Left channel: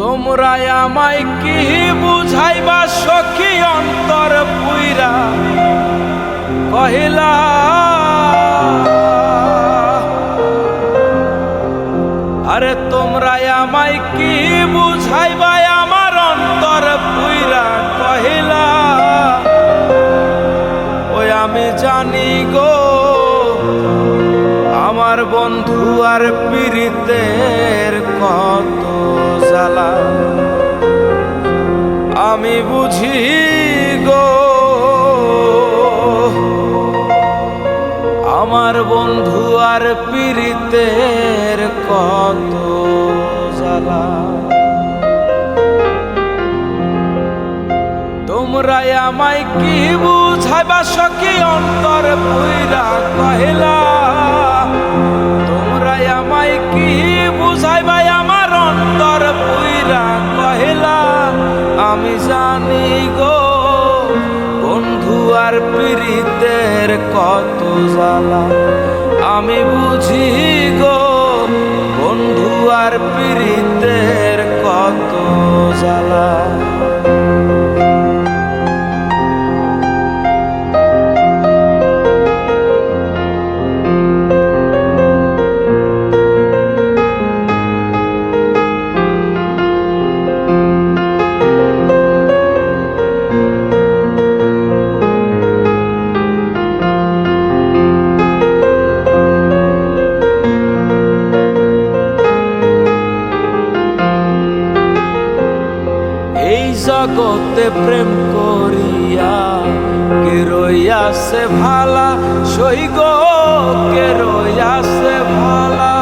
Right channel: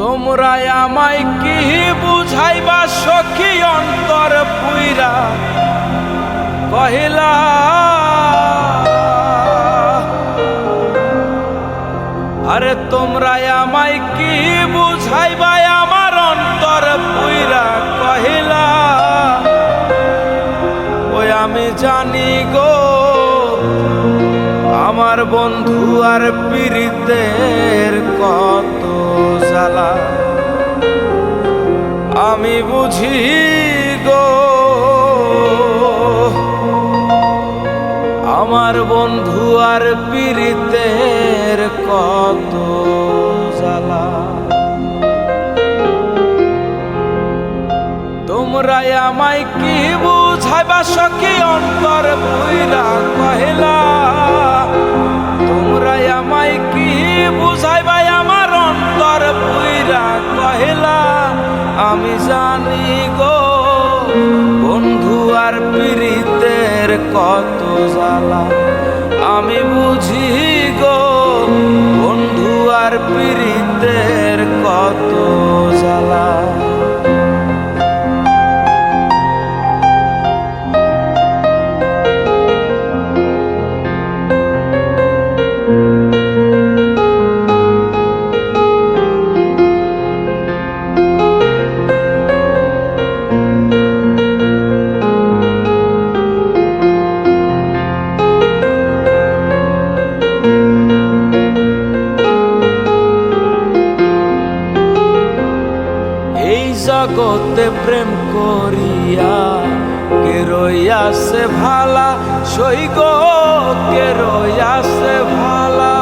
তোমরা আমায় কি বুঝাইবা, সখী অন্তর পুইরা? কহিলা, আরে তোমরা আমায় কি বুঝাইবা, আমার অন্তর পুইরা? কহিলা, ওই আমি জানি গো, আমার বন্ধু আর পীড়িতের কত জ্বালা। আমি বুঝি গো, আমার বন্ধু আর পীড়িতের কত জ্বালা। তোমরা আমায় কি বুঝাইবা, সখী অন্তর পুইরা কহিলা কি বুঝাইবা আমার অন্তর পুইরা কহিলা, আমি জানি গো, বন্ধু আর পীড়িতের কত জ্বালা। আমি বুঝি গো, বন্ধু আর পীড়িতের কত জ্বালা। জগতে প্রেম করিয়া, কে রইয়াছে ভালা, সই গো, কে রইয়াছে ভালা।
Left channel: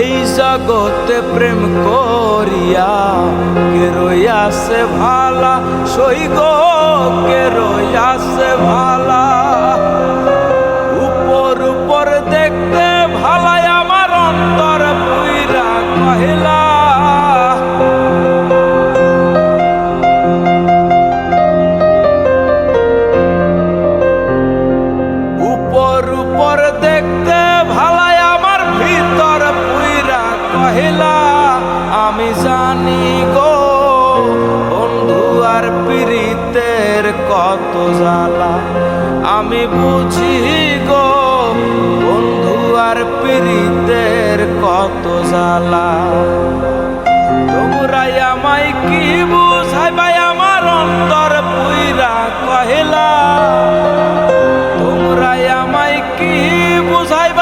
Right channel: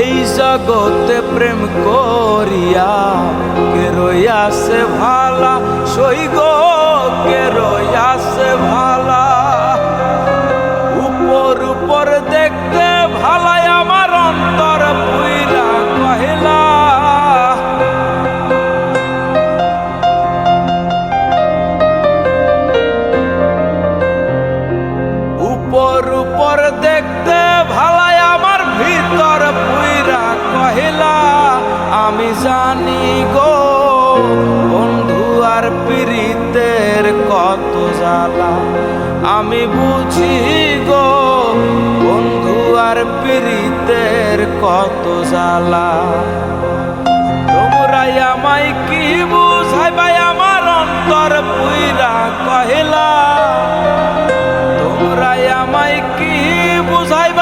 এই জগতে প্রেম করিয়া, কে রইয়াছে ভালা, সই গো, কে রইয়াছে ভালা। উপর উপর দেখতে ভালাই আমার অন্তর, পুইরা কহিলা আমি জানি গো, বন্ধু আর পীড়িতের কত জ্বালা। আমি বুঝি গো, বন্ধু আর পীড়িতের কত জ্বালা। তোমরা আমায় কি বুঝাইবাই আমার অন্তর পুইরা কহিলা। তোমরা আমায় কি বুঝাইবাই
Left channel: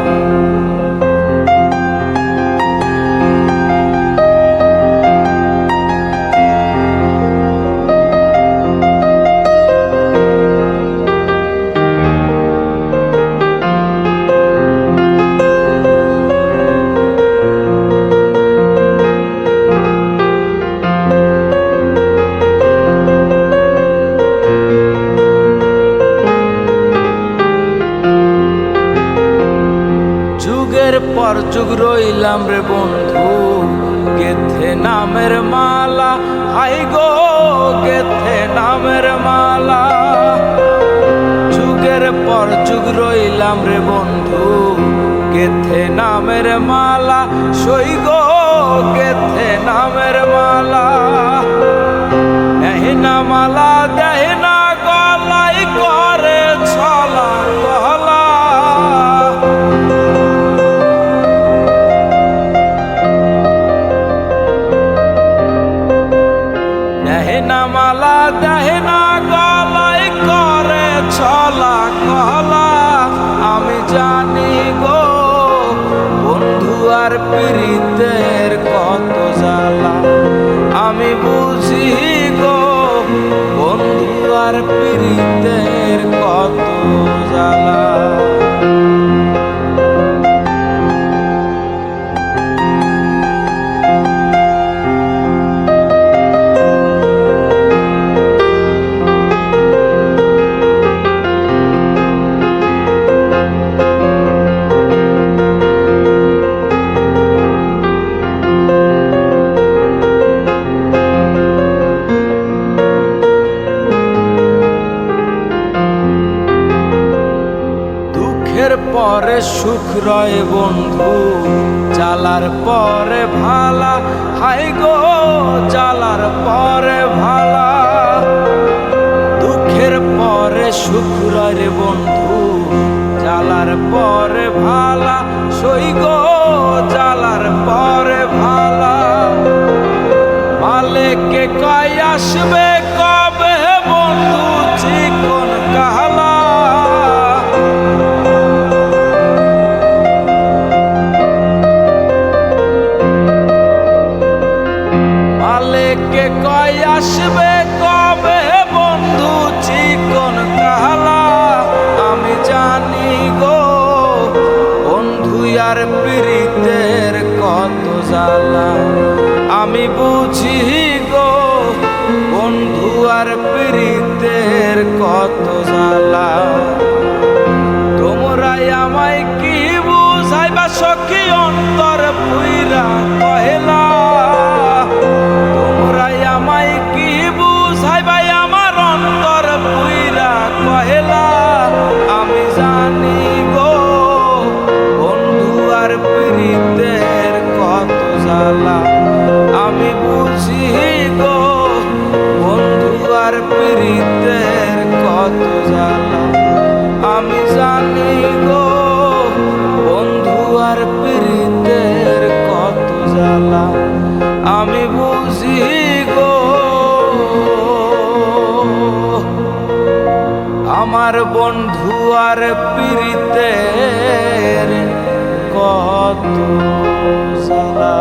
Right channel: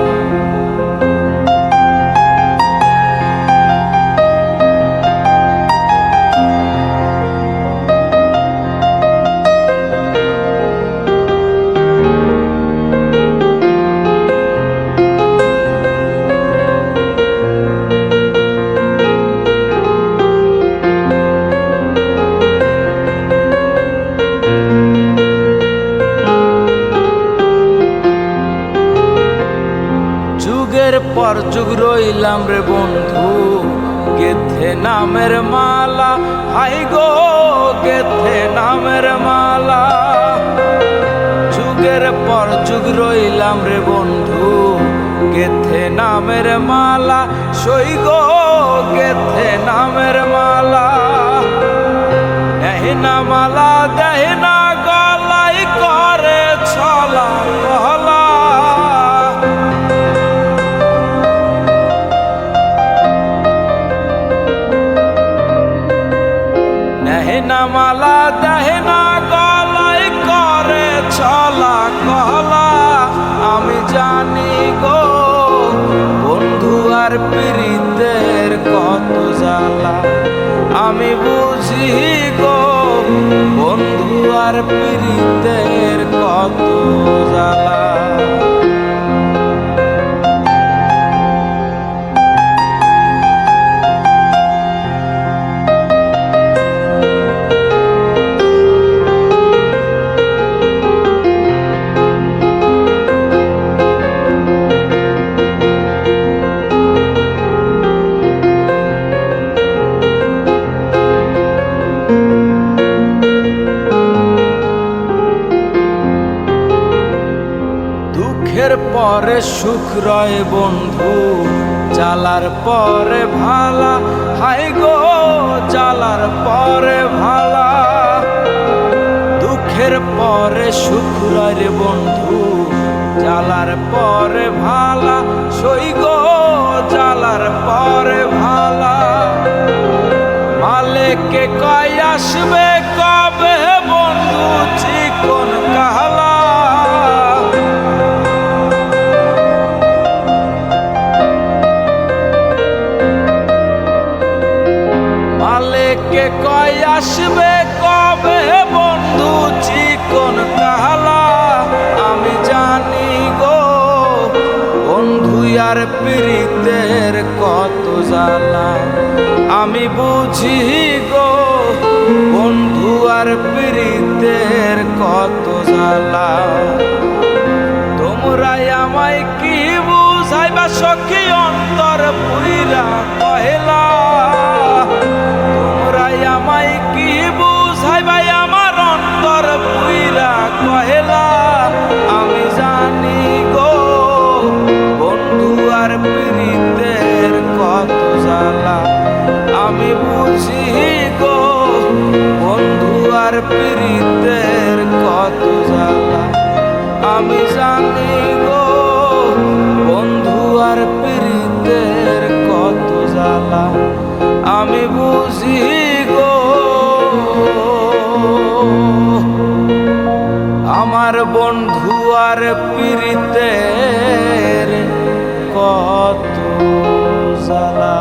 যুগের পর যুগ রইলাম রে বন্ধু, গেথে নামের মালা। হাই গো, গেথে নামের মালা। যুগের পর যুগ রইলাম রে বন্ধু, গেথে নামের মালা। সই গো, গেথে নামের মালা। দেহিনা মালা দেহিনা গলাই করে, ছলা কহলা দেহিনা দেহে না গলাই করে ছলা কলা। আমি জানি গো, বন্ধু আর পীড়িতের কত জ্বালা। আমি বুঝি গো, বন্ধু আর পীড়িতের কত জ্বালা। পরে সুখ রয় বন্ধু, জ্বালার পরে ভালা হাই গো, জ্বালার পরে ভালা। দুঃখের পরে সুখ রয় রে বন্ধু, জ্বালার পরে ভালা, সই গো, জ্বালার পরে ভালা। মালেকে কয় আসবে কবে বন্ধু, চিকন কালা মালেকে কয় আসবে কবে বন্ধু চিকন কালা? আমি জানি গো, বন্ধু আর প্রীতের কত জ্বালা। আমি বুঝি গো, বন্ধু আর প্রীতের কত জ্বালা। তোমরাই আমায় কি বুঝাইবা, সখী অন্তর পুইরা কহেলা? তোমরাই আমায় কি বুঝাইবাই আমার অন্তর পুইরা কহেলা, আমি জানি গো, বন্ধু আর প্রীতের কত জ্বালা। আমি বুঝি গো, বন্ধু আর প্রীতের কত জ্বালা। আমি জানি গো, বন্ধু আর প্রীতের কত জ্বালা। আমি বুঝি গো। আমার বন্ধু আর পীড়িতের কত জ্বালা।